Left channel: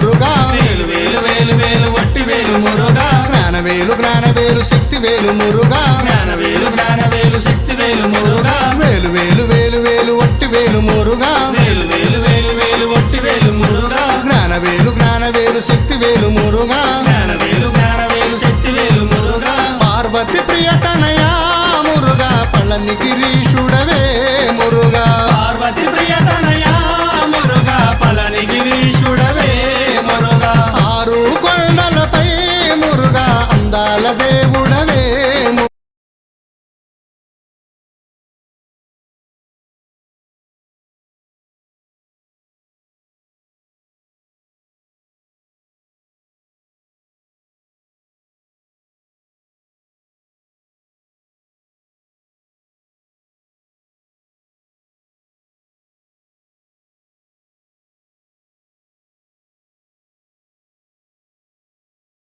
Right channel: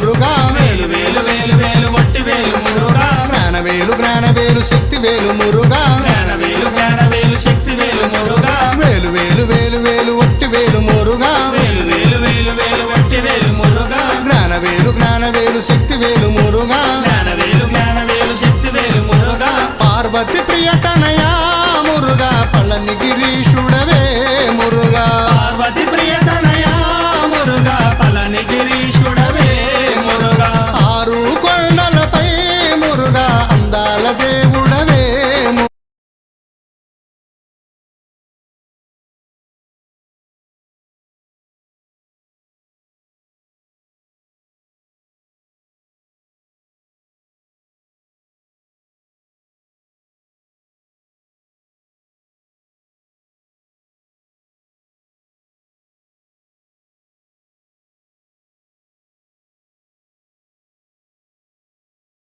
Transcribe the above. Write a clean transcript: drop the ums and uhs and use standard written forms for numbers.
మురుగా జ్ఞానవేలు జ్ఞానవేలు శక్తివేలు మురుగా వేలు వేలు వేలు వేలు ఒట్టివేలు మురుగా జ్ఞానవేలు జ్ఞానవేలు శక్తివేలు మురుగా పార్వతి ప్రియతనయా మురుగా పళని గిరీశుడవే మురుగా ఆరు కొండలపై మురుగా అందాల దేవుడవే